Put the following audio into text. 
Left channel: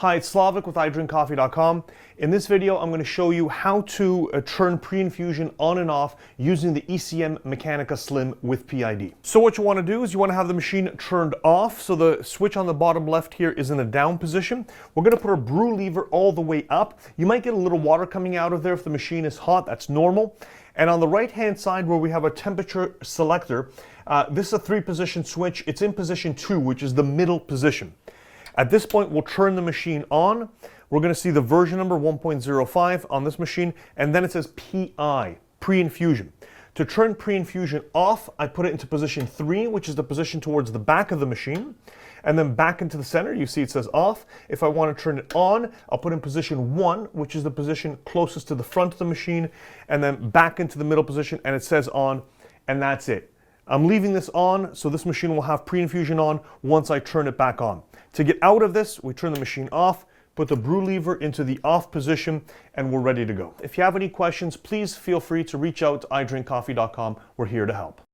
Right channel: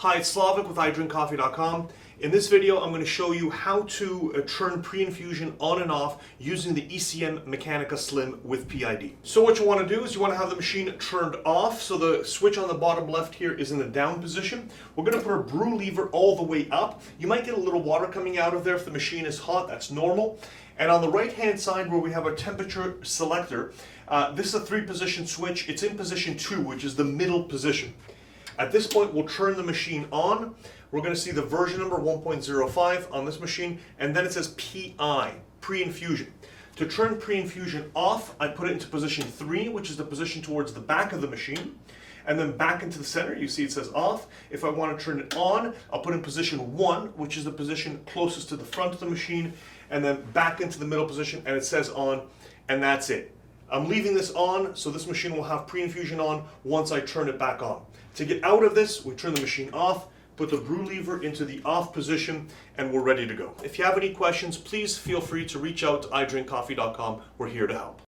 Hi, it's Slawek with iDrinkCoffee.com. In this video, I'm going to show you how to turn pre-infusion on and off using the ECM Mechanika Slim with PID. So what you want to do is you want to have the machine turned off. So the switch on the bottom left here is in the down position. We're going to put our brew lever all the way up. You might get a little water coming out of there if the machine is hot. That's normal. And on the right-hand side where we have a temperature selector, this is a 3-position switch. It's in position 2, which is the middle position. At this point, we'll turn the machine on. We're going to see the version number 1.05 on this machine, and then it says PI, pre-infusion. To turn pre-infusion off, I put it into position 3, which is the position towards the back of the machine, and then back into the center. You see it says off. If I want to turn it on, I'll put in position 1, which is the position closest to the front of the machine, and then back into the middle position, and it says on, and that's it. I'm leaving this on, so this machine will have pre-infusion on once I turn it back on. To get out of this, we turn the machine off, put the brew lever into the off position, and we're ready to go. If you have any questions, please feel free to reach out to iDrinkCoffee.com. We're here to help.